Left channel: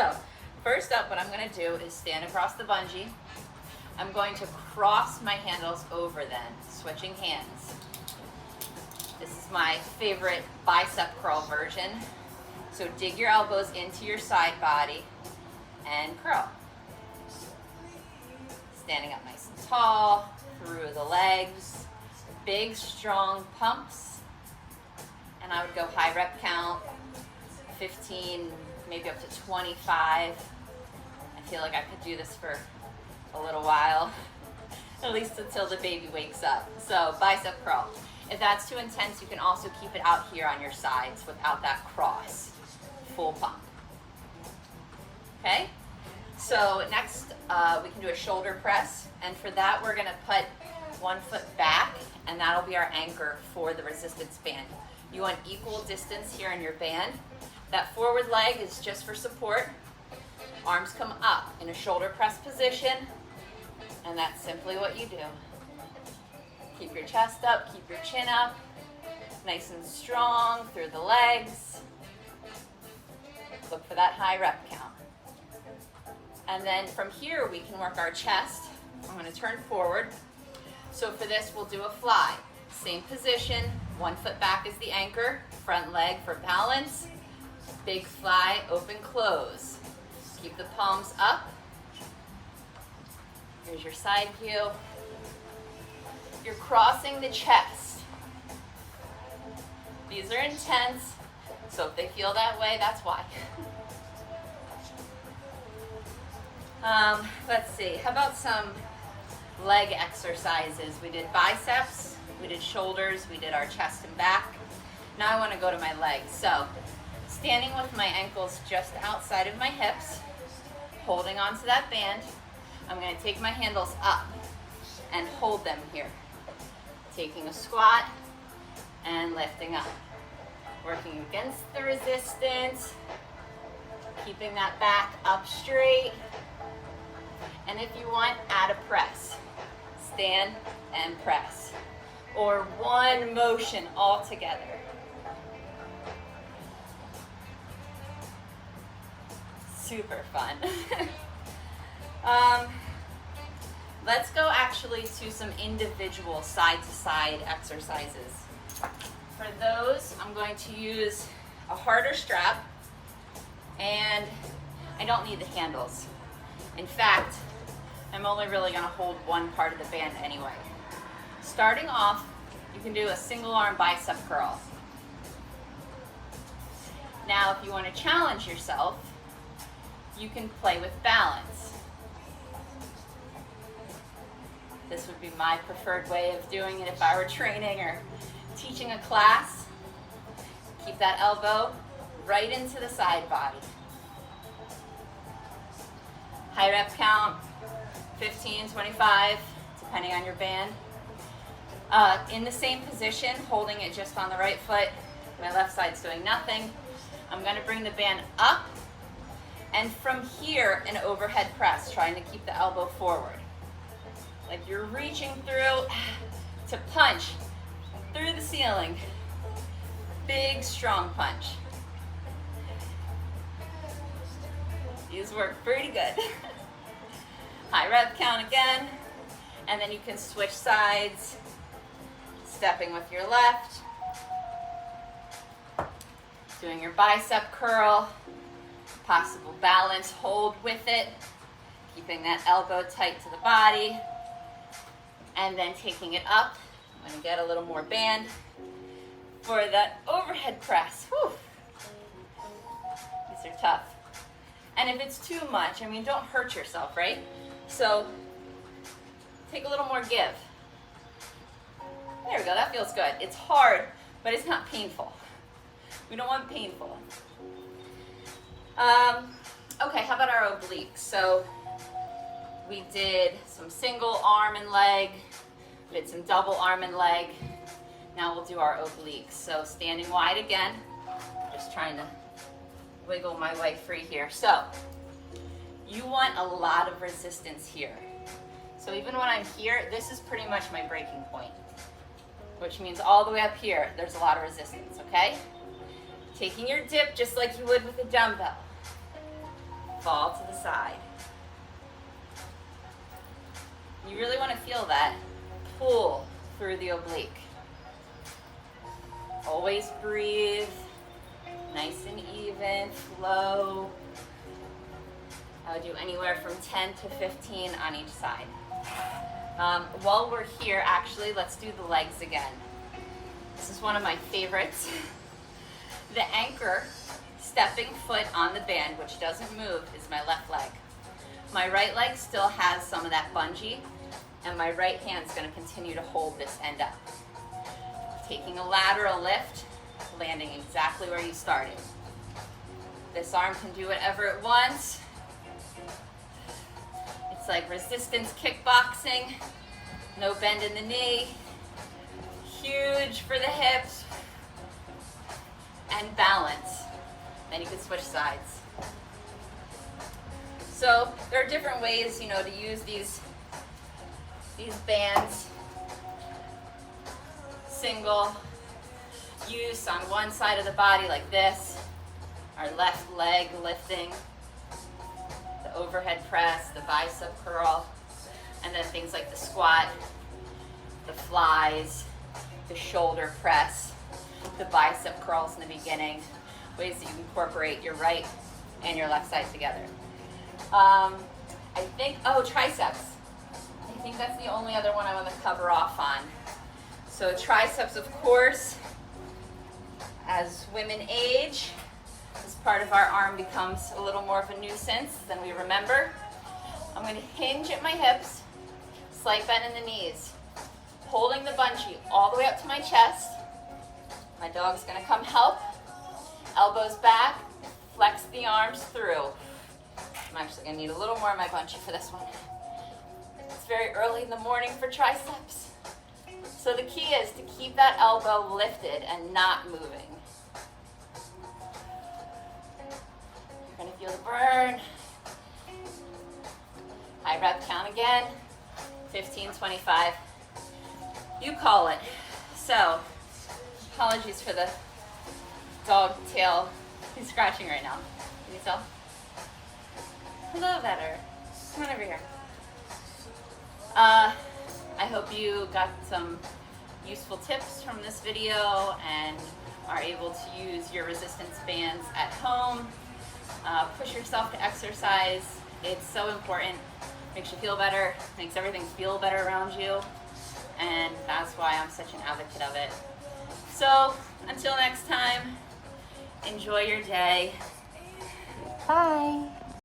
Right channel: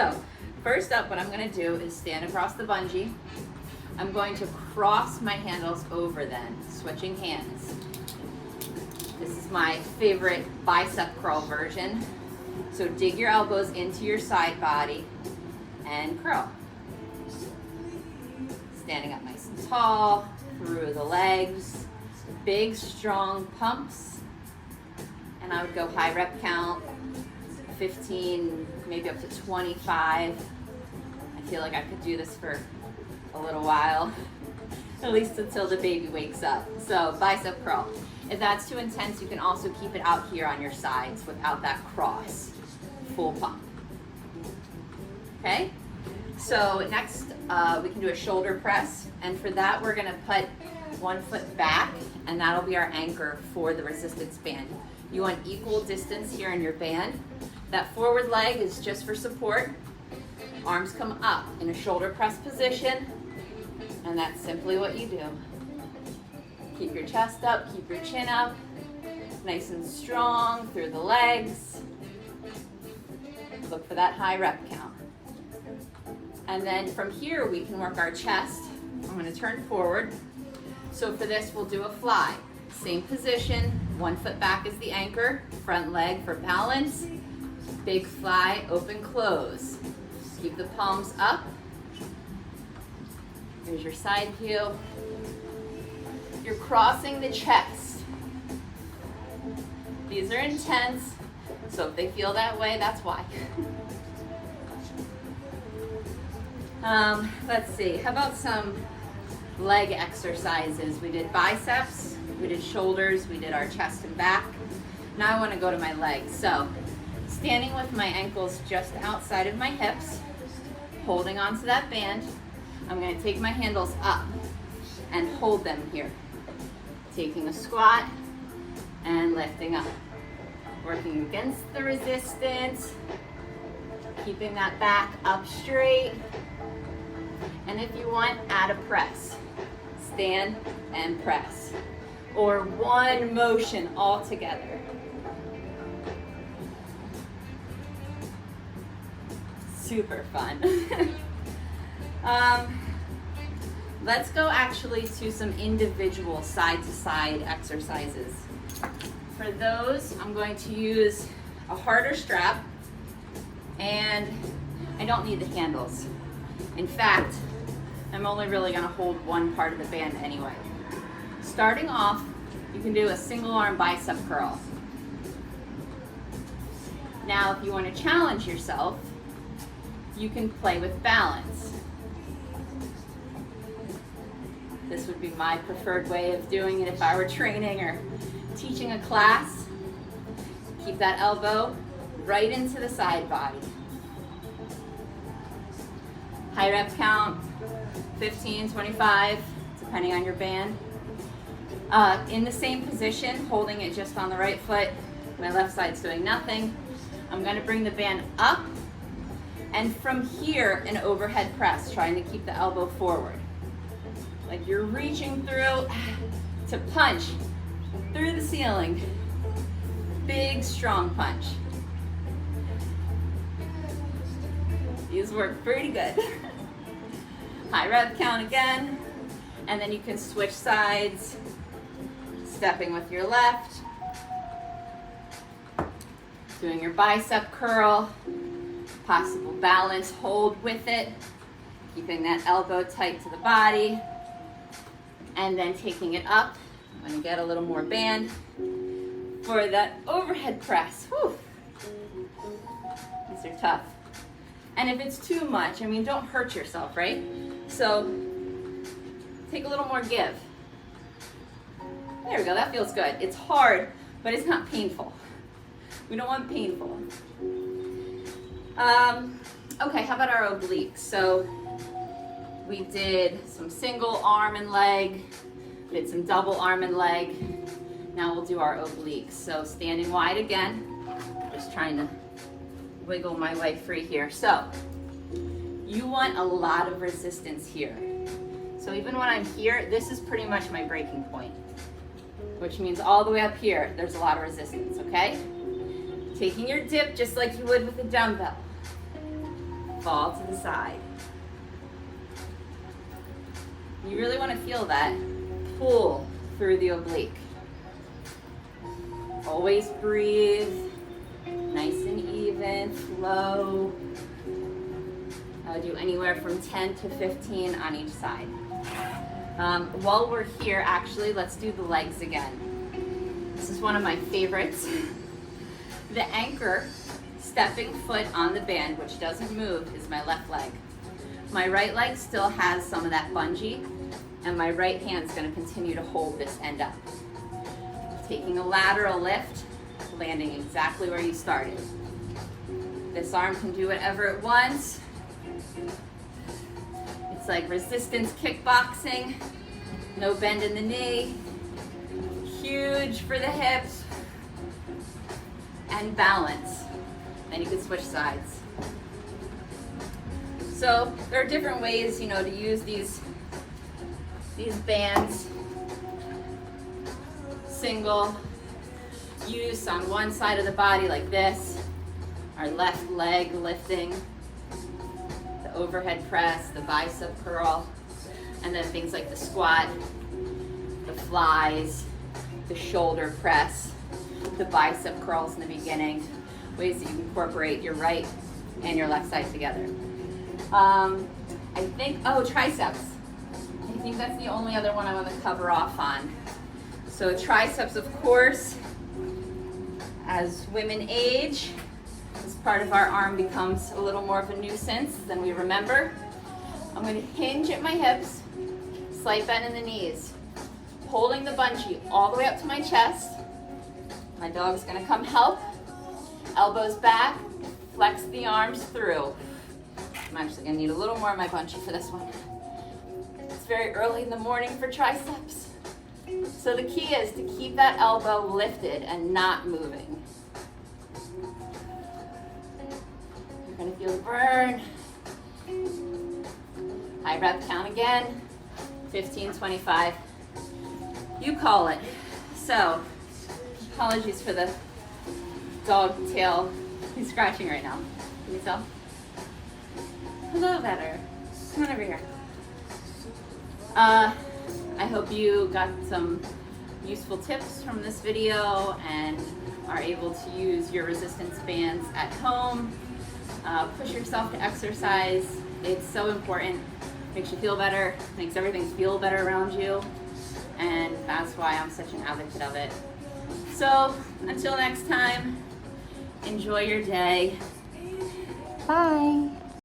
So, first up, what I'm going to do is stand across the bungee. I'm going to cross my handles over them, switching hands. This is my favorite bicep curl version. So dig your elbows into your side body and curl. Standing up nice and tall, through the legs, big strong pumps. And I would go high rep count, 15, maybe up to 25. I feel like I could do this for a little while, at least until the baby wakes up. So bicep curl. If that's too intense, you can also keep it out here on your sides without that cross. Full pump. Okay? So next, we can do a shoulder press. And for that, we're gonna put one foot back, and that'll be our anchor for the resistance band. You want equal distance here in your band. That forward leg is just for support. Arms come up in a shoulder press position, and that's simply what you do. Keep your chest up, keep your chin up, nice and strong through the legs. Look for that high rep count. And then from here, we can work our chest. I'm gonna turn forward. So for this, we'll do a fly. Same position, 1 foot back is the anchor, front leg for balance. Big fly, open, close. Keep the palms up. Here's your side heel. You're crossing the chest. These are intense, so if they feel that way, that's why. Let's see, how about some leg exercises? We did biceps, we did shoulders, we did our chest and back. Now I want to go to my legs. So, standing with my ankles just outside of my hips, holding onto that band, I'm going to take my handles up and hold them here. Taking a squat and lifting up. Working against the resistance, keeping that back up straight. And if you want, add a press. Stand and press. Or one motion all together. Super fun. Let's go actually to some individual side-to-side exercises. For those, I'm going to use a harder strap, and I don't need the handles. In fact, I'm only really going to hold one part of the band anyway. Starting off, you can do a single arm bicep curl. Now, if you want to challenge yourself, you can play with balance. This would be my preferred way of doing it if I were training or teaching a class. Keep that elbow right into the side body. High rep count, 15, 25, depending on your band. In the same position, holding it just on the right foot, my left side's doing nothing. I'm going to bring the band up, and from here, an overhead press, trying to keep the elbow forward. Like you're reaching through to punch through the ceiling. Big, strong punch. These work pretty good. High rep count again, and then you can switch sides, stepping with your left, doing your bicep curl, possible balance hold with it, keeping that elbow tight to the body, and then taking it up when you get a little more band for that overhead press. Whew. These are tough. And if it's too much, I mean, don't hurt yourself, right? So take a little more give. There we go, that feels good. It's hard, but it's not painful. We don't want painful. Okay, how about our obliques? So we did some single arm and leg, we did some double arm and leg. Now we'll do our obliques. So standing wide again, just trying to wiggle my way free here. So you want a lot of resistance here. So even when I'm here, this is pretty much my breaking point, which means all the way up here, there's a lot of resistance, okay? Taking your dip just like you would with a dumbbell. fall to the side. You really want to feel that pull through the oblique. Always breathe, nice and even, flow. I would do anywhere from 10 to 15 on each side. While we're here, actually, let's do the legs again. This is one of my favorites. The anchor, stepping foot on the band, which doesn't move, is my left leg. My right leg still has some of that bungee, and my right hand's going to continue to hold this end up. Taking a lateral lift, landing exactly where you started. This arm can do whatever it wants. It's like resistance kickboxing, no bend in the knee, huge for the hips, and balance. And you can switch sides. So there are different ways, to use these bands. Single use on one side of the body like this, our left leg lifting, the overhead press, the bicep curl, and then things like the squat, the flies, the shoulder press, the bicep curls in the beginning, ways that you incorporate your right and your left side together. Triceps. I think that's the only other one I want to cover off on. So triceps, of course, as women age, this part of our arm becomes a little more of a nuisance than we remember. I'm going to hinge at my hips, slight bend in the knees, holding the bungee all the way up to my chest. My dog's going to come help, elbows back, flex the arms through. I'm actually going to need a little more of my bungee for this one. It's very early in the morning for triceps. So the key is to keep that elbow lifted and not moving. You're going to feel the burn. High breath count again. 15, 25. You call it. So, apologies for the dog tail. He's scratching right now. Can you tell? A little better. Come on over here. I hope you got some useful tips from this video and are able to use your resistance bands at home. Push yourself to exercise. It's so important. Makes you feel better, makes everything feel better around you, and that's why I'm such an advocate of it. So, until next time, enjoy your day. Bye.